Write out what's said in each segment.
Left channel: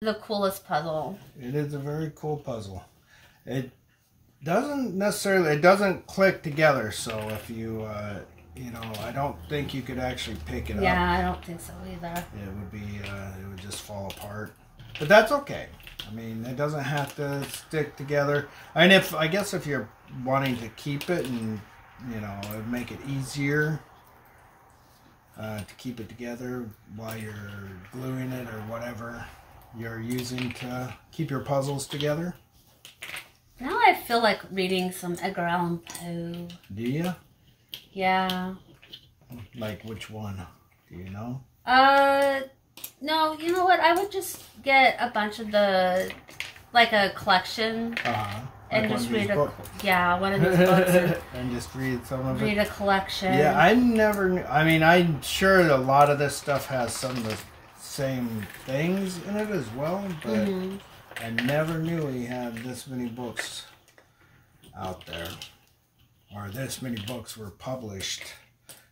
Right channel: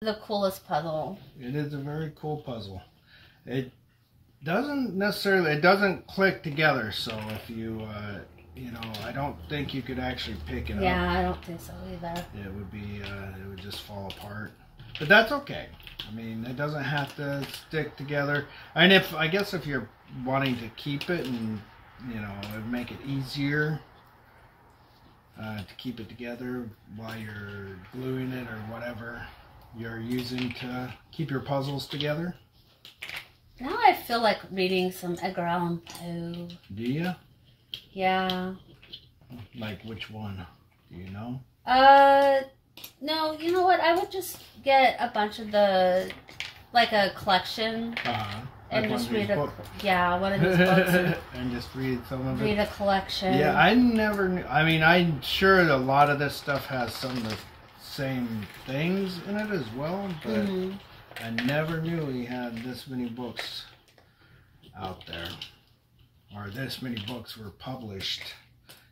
The coolest puzzle. It is a very cool puzzle. It doesn't click together, so if you, you know, I don't think you could actually pick it up. Yeah, I don't think so either. It would just fall apart. But that's okay. I mean, it doesn't have to stick together. And I guess if you're wanting to keep it and, you know, make it easier to keep it together while you're gluing it or whatever you're using to keep your puzzles together. Now I feel like reading some Edgar Allan Poe. Do you? Yeah. Like which one? Do you know? No, you know what? I would just get a bunch of like a collection. And like just read one of these books. And just read some of it. Read a collection. Yeah, I never knew. I mean, I'm sure a lot of this stuff has some of the same things in it as well, but I never knew he had this many books out there. Or this many books were published.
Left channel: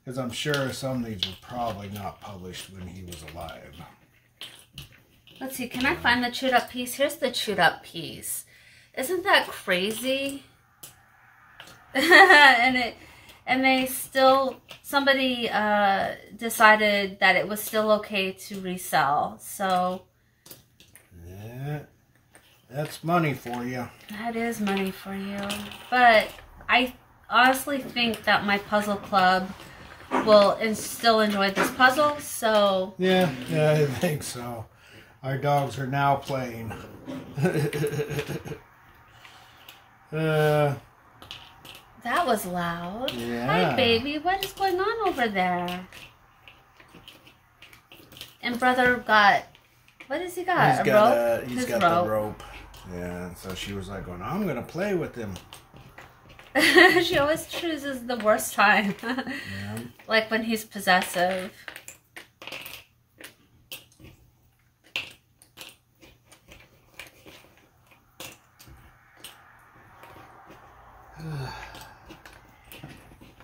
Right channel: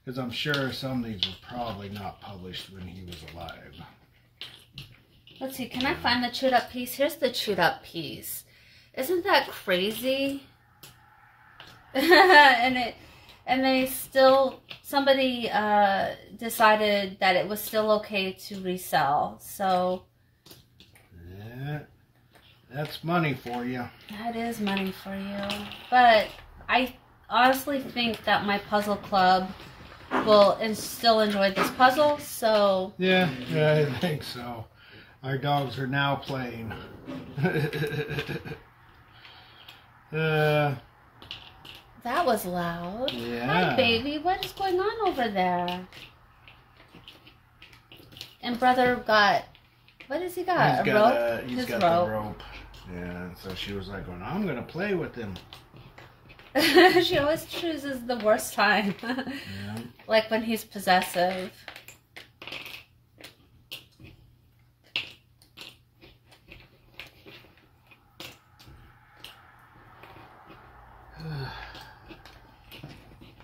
Because I'm sure some of these were probably not published when he was alive. Let's see, can I find the chewed up piece? Here's the chewed up piece. Isn't that crazy? and they still, somebody decided that it was still okay to resell. So yeah, that's money for you. That is money for you. But I honestly think that my puzzle club will still enjoy this puzzle. So yeah, I think so. Our dogs are now playing. That was loud. Yeah. Hi, baby. What is going on over there? And brother got, what has he got? Rope? He's got the rope. Yeah, so she was like, going, I'm going to play with him. She always chooses the worst time. Yeah. Like when he's possessive.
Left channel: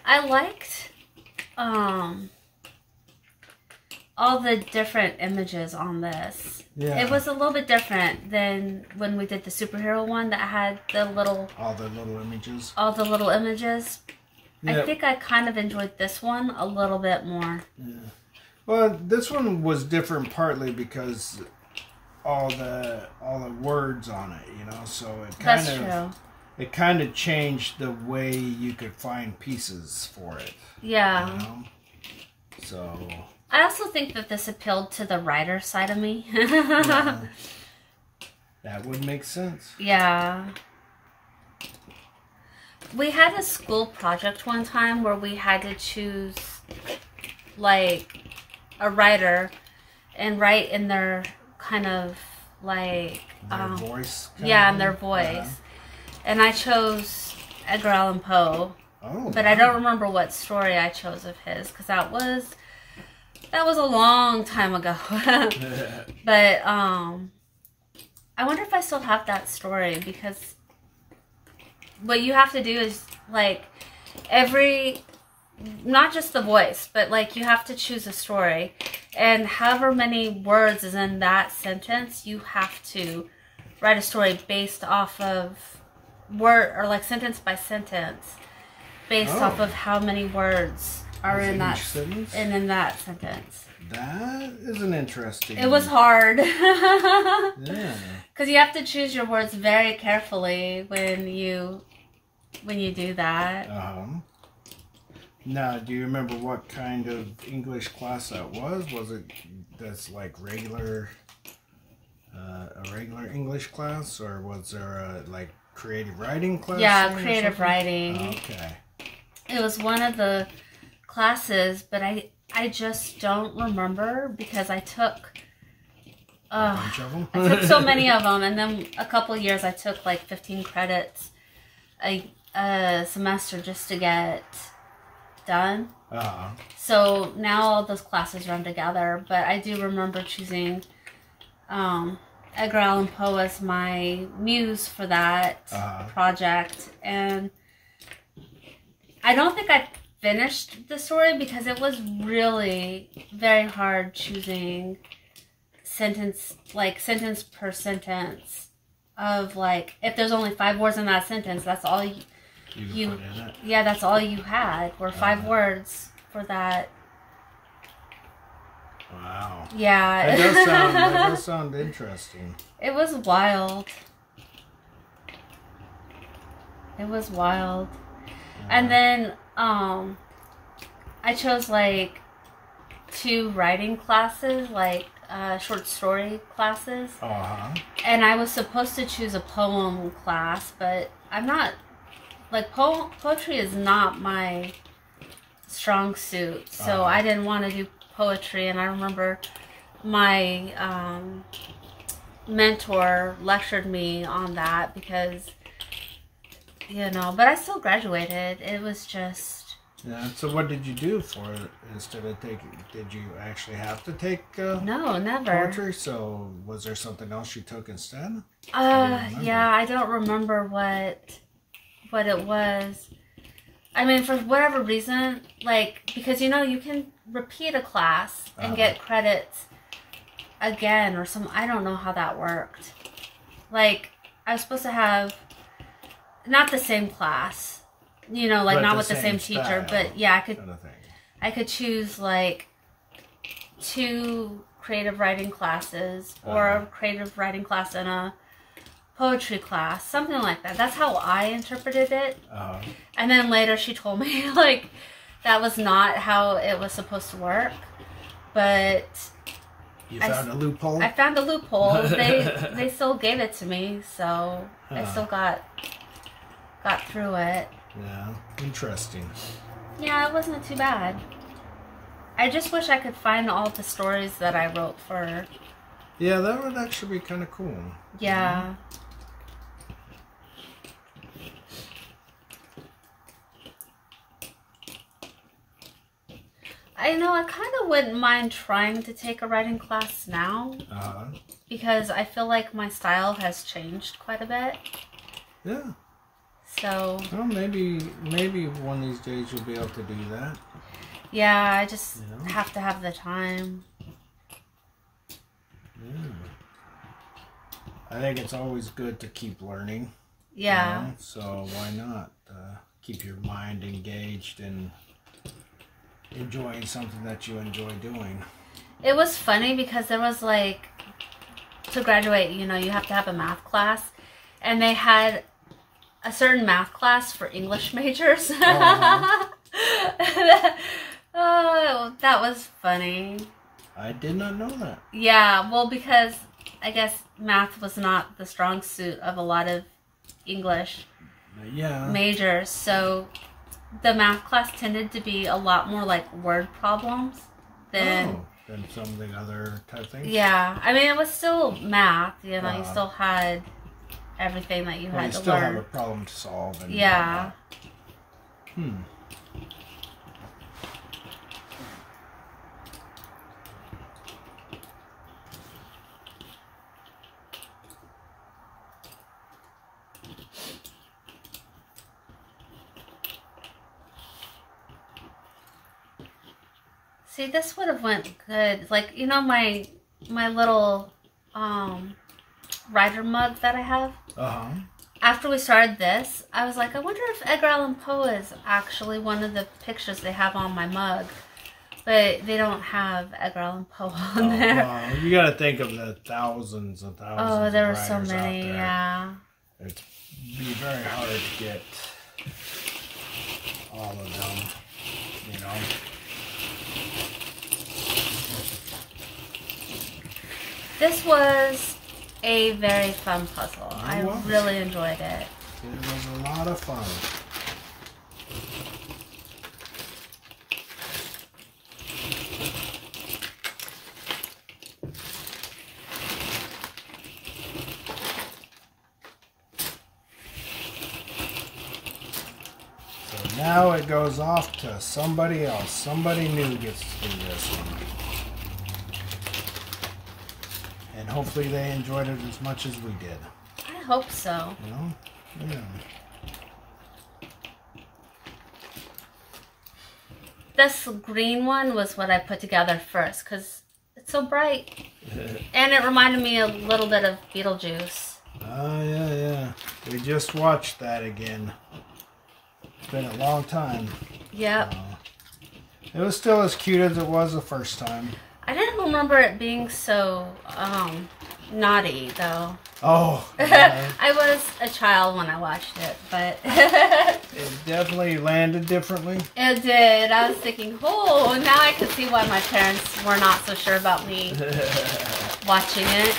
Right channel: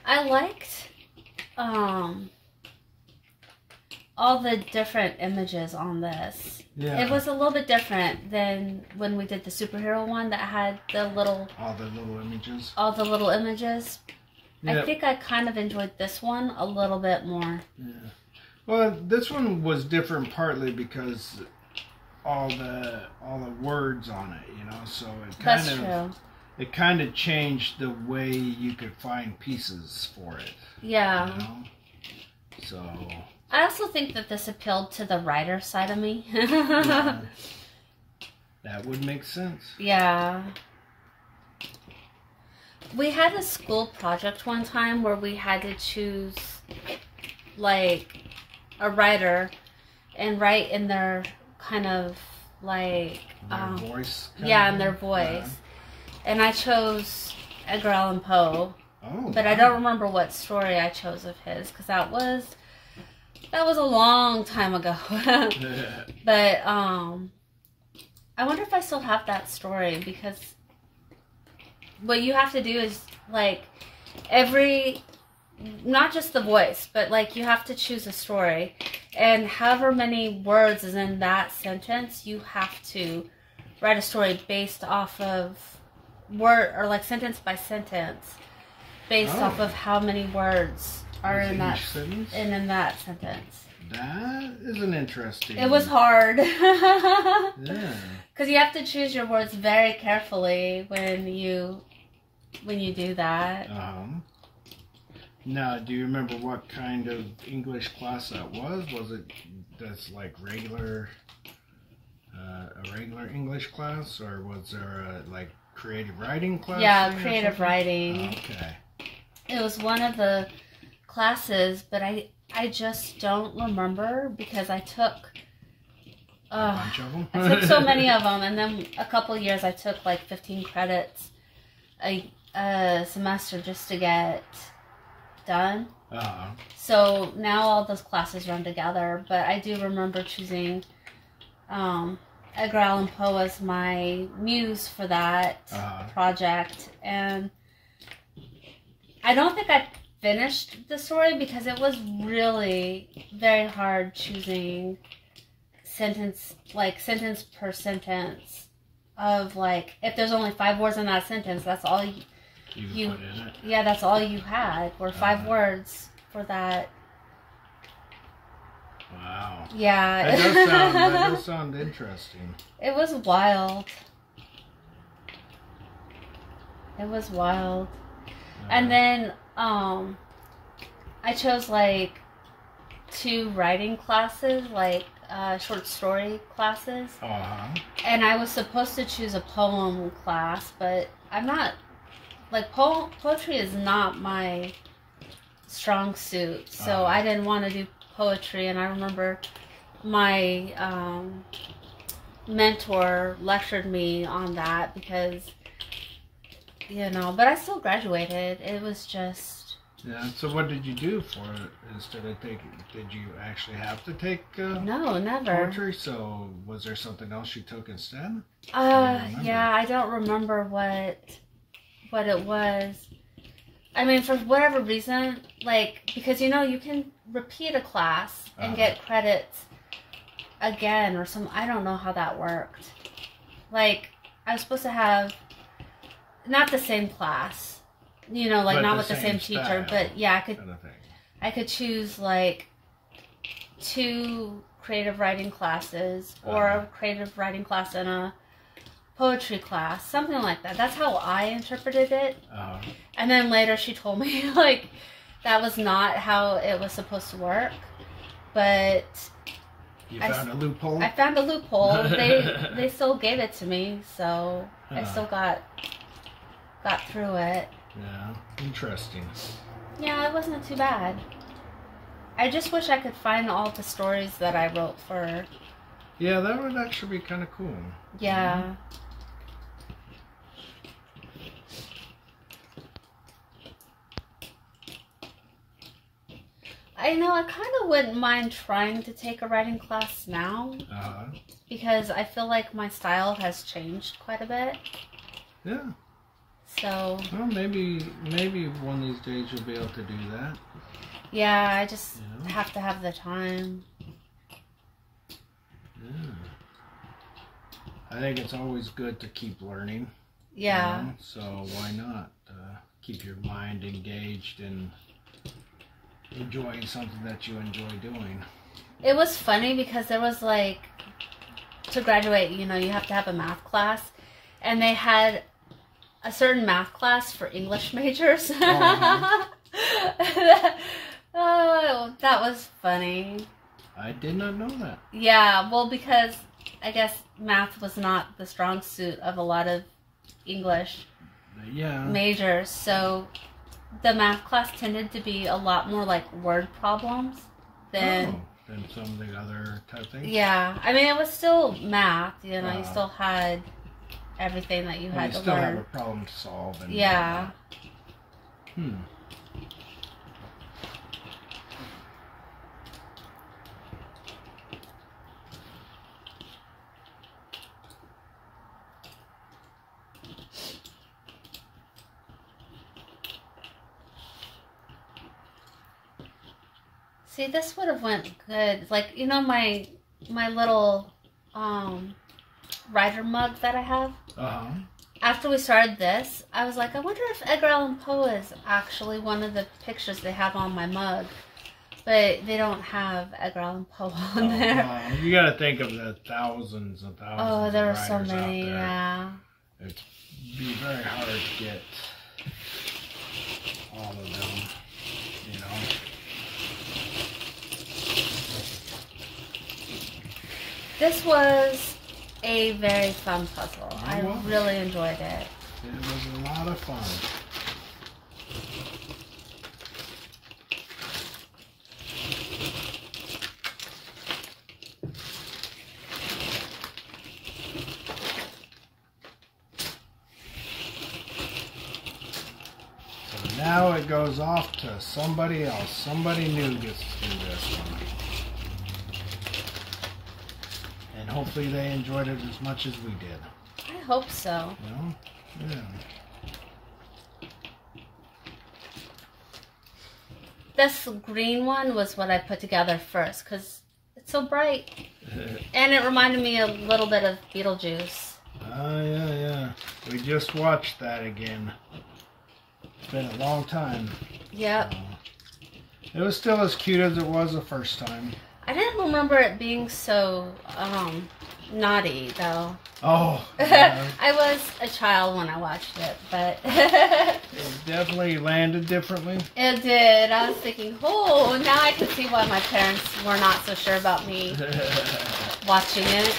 I liked all the different images on this. Yeah. It was a little bit different than when we did the superhero one that had the little... All the little images. All the little images. Yep. I think I kind of enjoyed this one a little bit more. Yeah. Well, this one was different partly because all the words on it, you know, so it kind of changed the way you could find pieces for it. Yeah. You know? So I also think that this appealed to the writer side of me. Yeah. That would make sense. Yeah. We had a school project one time where we had to choose like a writer and write in their kind of like their voice. Yeah, in their voice. Yeah. And I chose Edgar Allan Poe. Oh. But I don't remember what story I chose of his because that was a long time ago. But I wonder if I still have that story because what you have to do is like not just the voice, but like you have to choose a story and however many words is in that sentence, you have to write a story based off of word or like sentence by sentence based off of how many words are in that sentence. And in that sentence. That is an interesting. It was hard. Yeah. Because you have to choose your words very carefully when you do that. Now, do you remember what kind of English class that was? Was it that's like regular, a regular English class, or was there a like creative writing class? Yeah, creative writing. Okay. It was one of the classes, but I just don't remember because I took a bunch of them. I took so many of them, and then a couple of years I took like 15 credits a semester just to get done. So now all those classes run together, but I do remember choosing Edgar Allan Poe as my muse for that project, and I don't think I finished the story because it was really very hard choosing sentence per sentence of like, if there's only 5 words in that sentence, that's all you put in it. Yeah, that's all you had were 5 words for that. Wow. Yeah. That does sound interesting. It was wild. It was wild. And then I chose like 2 writing classes, like short story classes. And I was supposed to choose a poem class, but I'm not, like, poetry is not my strong suit, so I didn't want to do poetry. And I remember my mentor lectured me on that because, you know, but I still graduated. It was just... Yeah, so what did you do for it instead of taking... Did you actually have to take no, never. poetry? So was there something else you took instead? Yeah, I don't remember what it was. I mean, for whatever reason, like, because, you know, you can repeat a class and get credits again or some... I don't know how that worked. Like, I was supposed to have not the same class, you know, like, but not with the same teacher, but yeah, I could choose like 2 creative writing classes or a creative writing class and a poetry class, something like that. That's how I interpreted it. And then later she told me, like, that was not how it was supposed to work. But you found a loophole? I found a loophole. They still gave it to me, so I still got through it. Yeah, interesting. Yeah, it wasn't too bad. I just wish I could find all the stories that I wrote for... Yeah, that would actually be kind of cool. Yeah. I know, I kind of wouldn't mind trying to take a writing class now. Because I feel like my style has changed quite a bit. Yeah. So... Well, maybe one of these days you'll be able to do that. Yeah, I just have to have the time. Yeah. I think it's always good to keep learning. Yeah. You know? So why not keep your mind engaged and enjoying something that you enjoy doing. It was funny because there was like, to graduate, you know, you have to have a math class. And they had a certain math class for English majors. Oh, that was funny. I did not know that. Yeah, well, because I guess math was not the strong suit of a lot of English majors. So the math class tended to be a lot more like word problems than some of the other type things. Yeah, I mean, it was still math. You know, you still had everything that you had to learn. You still have a problem to solve. And yeah. See, this would have went good. Like, you know, my little writer mug that I have? After we started this, I was like, I wonder if Edgar Allan Poe is actually one of the pictures they have on my mug. But they don't have Edgar Allan Poe on there. No. You got to think of the thousands and thousands. Oh, there were of so many, yeah. It'd be very hard to get all of them, you know. This was a very fun puzzle. I really enjoyed it. It was a lot of fun. So now it goes off to somebody else. Somebody new gets to do this one. And hopefully they enjoyed it as much as we did. I hope so. Well, yeah. This green one was what I put together first because so bright. And it reminded me a little bit of Beetlejuice. Oh, yeah. We just watched that again. It's been a long time. Yep. It was still as cute as it was the first time. I didn't remember it being so naughty, though. Oh. Yeah. I was a child when I watched it, but... It definitely landed differently. It did. I was thinking, oh, now I can see why my parents were not so sure about me watching it.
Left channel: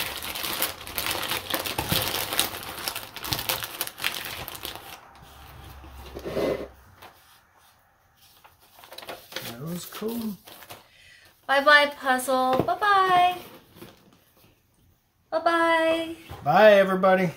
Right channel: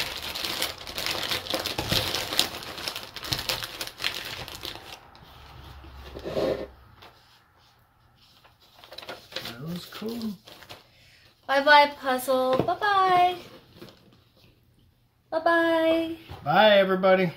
That was cool. Bye-bye, puzzle. Bye-bye. Bye-bye. Bye, everybody.